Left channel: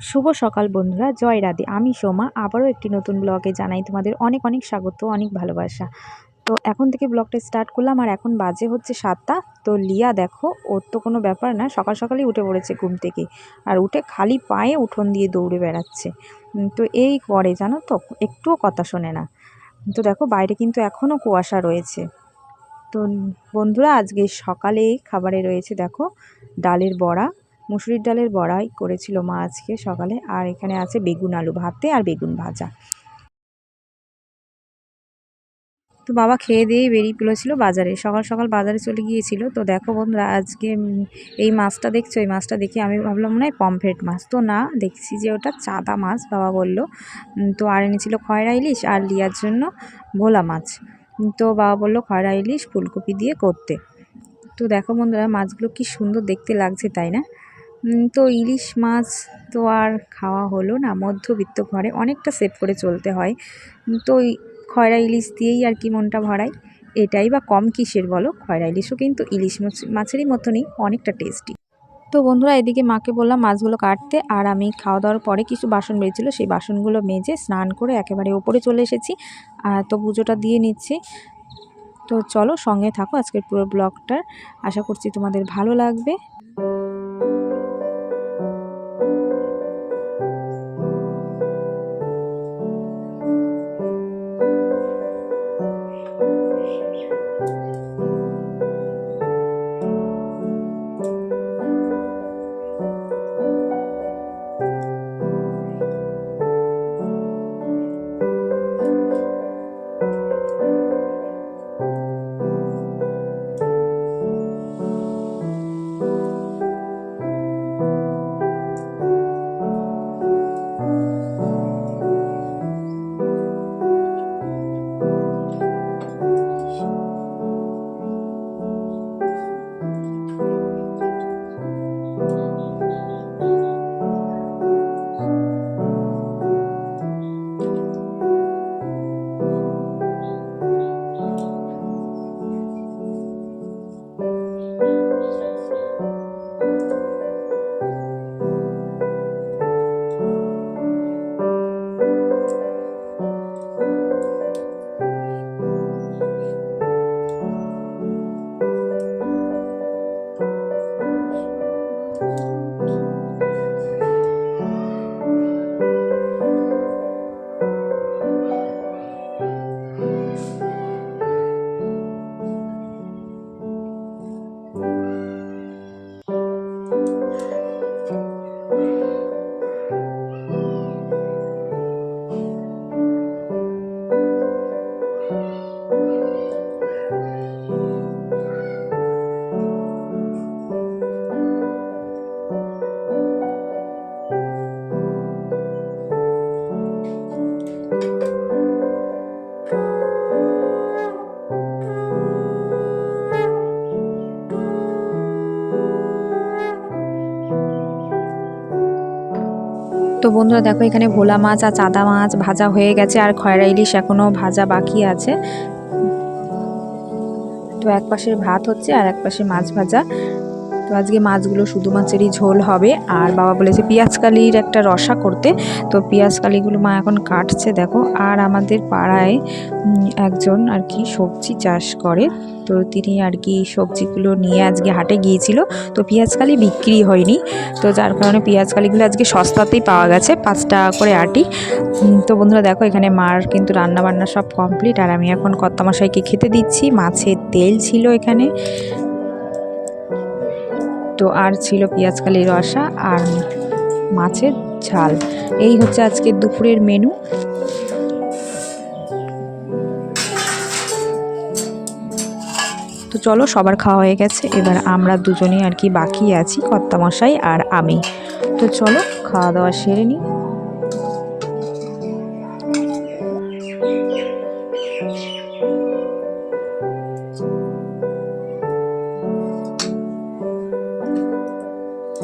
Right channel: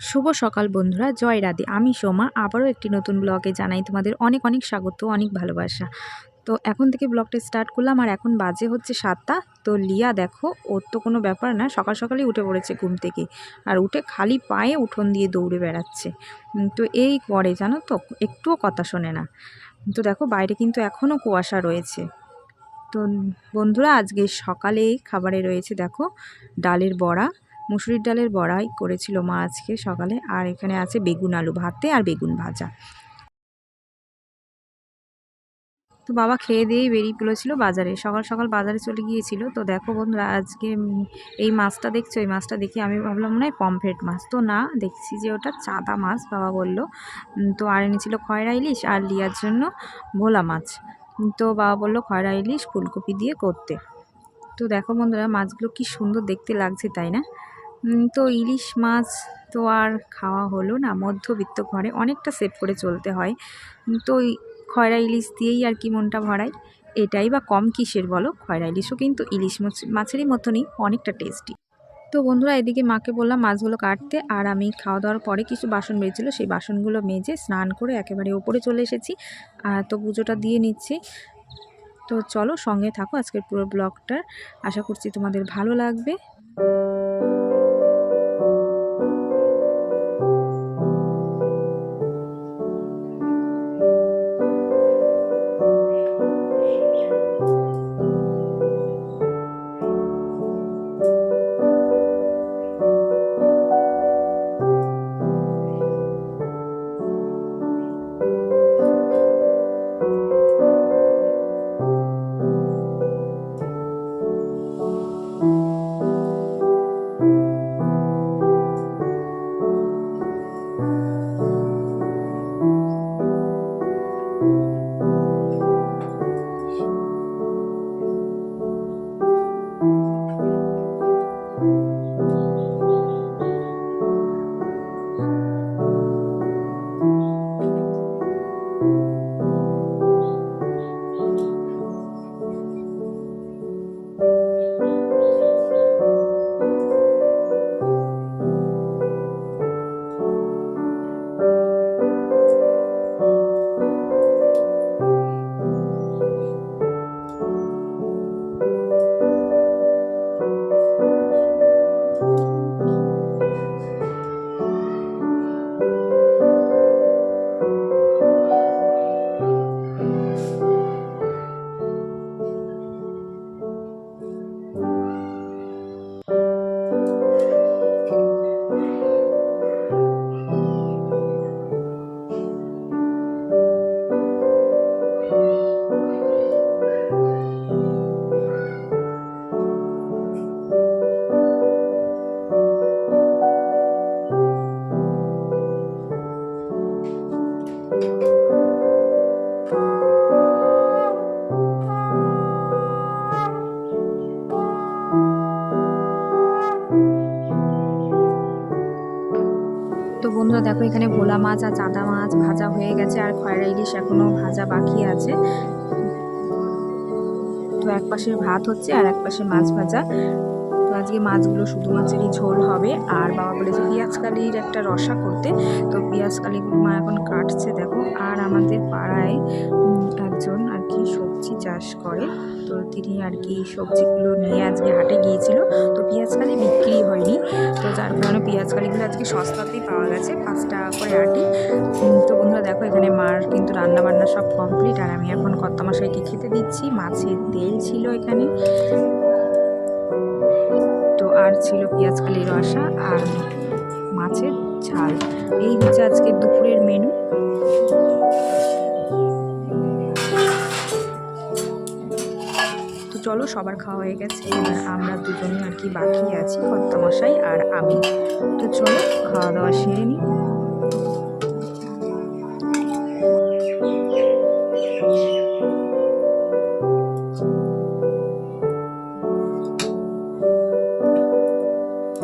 শুভ সকাল বন্ধুরা, জয় রাধে। আমি সোমা, আবারও একটি নতুন ব্লগে জানাই তোমাদের অনেক অনেক স্বাগত, অনেক ভালোবাসা। তো এখন থেকে ব্লগটা স্টার্ট করলাম, আর এখন বাজে হচ্ছে সাতটা। তো লিয়া দেখো, ওর তো কোনো ব্যাপার না, সকাল সকালই উঠে পড়েছে ঘুম থেকে। আর উঠে খালি পায়ে উঠোন দিয়ে দৌড়ে বেড়াচ্ছে। তো এই করে জানো তো, একটুও কথা শোনে না। তো দেখো, বাইরে কিন্তু এখনও কুয়াশা রয়েছে। তো বন্ধুরা, আজকে সকালে খাবারে রয়েছে দেখো, ডালের বড়া। মুসুরির ডালের বড়াই করেছিল মা আজকে সকালে, আর এখানে আছে বেগুন আলু ভাতে আর বেগুন ভাজা। তো বাবা খেয়ে দিয়েই বেরিয়ে পড়েছিল বাজারে। সকাল সকাল বাজারে চলে গিয়েছিল। তো দেখো বন্ধুরা, আজকে এই মাছটা দেখছ? এই মাছটা দেখে আমি ভাবলাম মনে হয় পমফ্রেট মাছ। তো না, দেখছি যে ওটা চাদা মাছ, বাবা বলল। তো আর এনেছিল খয়রা ইলিশ আর লিয়ার জন্য ভোলা মাছ। তো বাবা বলল খয়রা ইলিশ, ফুলকপি দিয়ে করতে। তো দেখো বন্ধুরা, মাছগুলো কি সুন্দর দেখতে লাগছে, তাই না? তো ইলিশ মাছ তো আর খাওয়া হলো না। মধ্যবিত্ত ঘরে অনেকটা সেভ করে চলতে হয়। তো খয়রা ইলিশ দিয়েই আর কি মনটা ভরায়। এটাই বা কম কিসের বলো? খয়রা ইলিশও কিন্তু ইলিশ মাছ- মাছেরই মতনই অনেকটা টেস্টি তো বন্ধুরা, এদিকে মাকে বললাম, মাছগুলো কাটতে। আর আমি খাওয়া দাওয়ার পরে কিছু বাসন বেরিয়েছিলো, সেই বাসনগুলো মেজে স্নান করে একেবারে ওপরে চলে এসেছি। আর তো পুজোটা দিয়ে নিচ্ছি। তো চলো সঙ্গে থাকো আজকের পুরো ব্লগটার আশা করছি তোমাদের ভালো লাগবে। তো বন্ধুরা দেখো, এখানে ভোলা মাছ আর চাদা মাছ ভাজা হয়ে গেছে আর খয়রা ইলিশ এখনও ভাজা বাকি আছে। তো এক পাশে ভাত হচ্ছে আর এক পাশে মাছ ভাজা। তো আজকে মাছগুলো শুধু মাছেরই ঝোল হবে। আর বাবা বলেছে কালির একটা রসা করতে। তো কালিগুলো মা এখন কাটছে, দেখো। আর আমাদের পাড়ায় একজন আর কি সবজি চাষ করে। তো তিনি আর কি সবজিগুলো নিয়ে আজকে হাটে গিয়েছিল। তো কালি বিক্রি হয়নি। তো যার কারণে কালিগুলো আজকে সস্তাতেই পাওয়া গেছে, পাঁচ টাকা করে আটি। তো বন্ধুরা দেখো, এখানে মার কিন্তু রান্না বান্না সব কমপ্লিট আর আমি এখন কর্তামশাইকে খেতে দিচ্ছি। মাছের তেল ছিল এখানে। তো আর ছিল পেঁয়াজ কালির রসা আর মাছের ঝাল। এই হচ্ছে আজকে দুপুরের মেনু। তো চলো, সবার খাওয়া হয়ে গেছে। এবার আমরা দুজনেই আর কি বাকি আছি, কর্তামশাই আর আমি। তো চলো, খাওয়া দাওয়া সেরে নিই। আর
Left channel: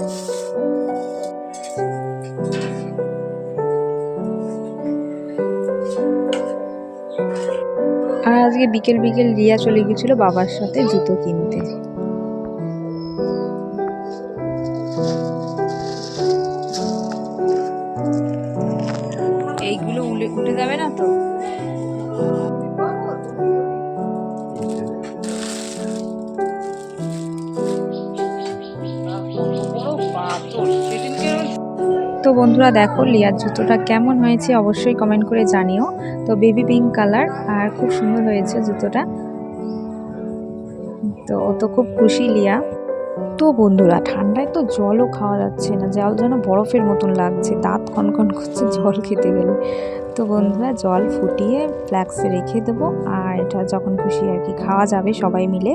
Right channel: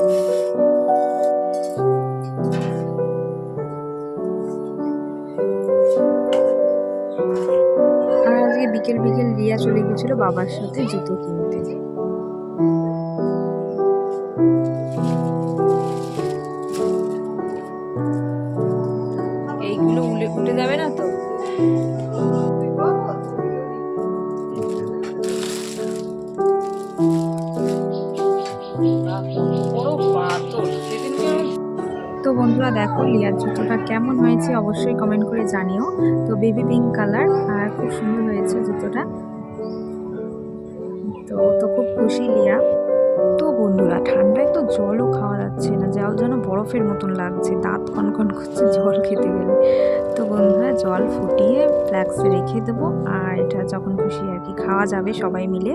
আজকে বিকেল বিকেল রিয়া চলে গেছিল বাবার সাথে জুতো কিনতে। এইগুলো উলে উঠে যাবে না তো? তো বন্ধুরা দেখো, লিয়ার জুতোটা কেমন হয়েছে অবশ্যই কমেন্ট করে জানিও। তো বেবি পিঙ্ক কালার আর খুব সুন্দর হয়েছে জুতোটা। তো ও তো খুব খুশি, লিয়া। তো বন্ধুরা, ঠান্ডায় তো জলও খাওয়া যাচ্ছে না, জল যেন বরফের মতন লাগছে, দাঁত কনকন করছে, জল খেতে গেলে। তো বন্ধুরা, জল ফুটিয়ে ফ্ল্যাক্সে রেখে দেবো, আর এটা যখন খুশি আর কি, খাওয়া যাবে সবাই মিলে।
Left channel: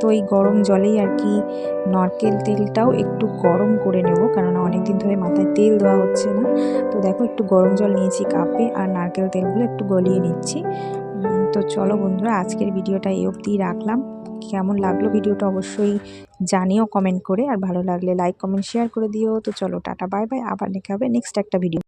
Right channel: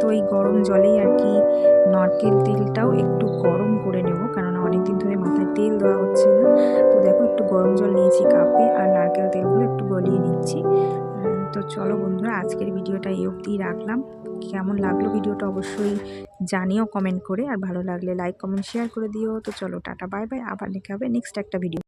তো এই গরম জলেই আর কি নারকেল তেলটাও একটু গরম করে নেব, কেননা অনেক দিন ধরে মাথায় তেল দেওয়া হচ্ছে না। তো দেখো, একটু গরম জল নিয়েছি কাপে আর নারকেল তেলগুলো একটু গলিয়ে নিচ্ছি। তো চলো বন্ধুরা, আজকের ভিডিওটা এই অবধি রাখলাম। কেমন লাগল ভিডিওটা অবশ্যই জানিও কমেন্ট করে, আর ভালো লাগলে লাইক, কমেন্ট, শেয়ার করে দিও। তো চলো, টাটা, বাই বাই। আবার দেখা হবে নেক্সট একটা ভিডিও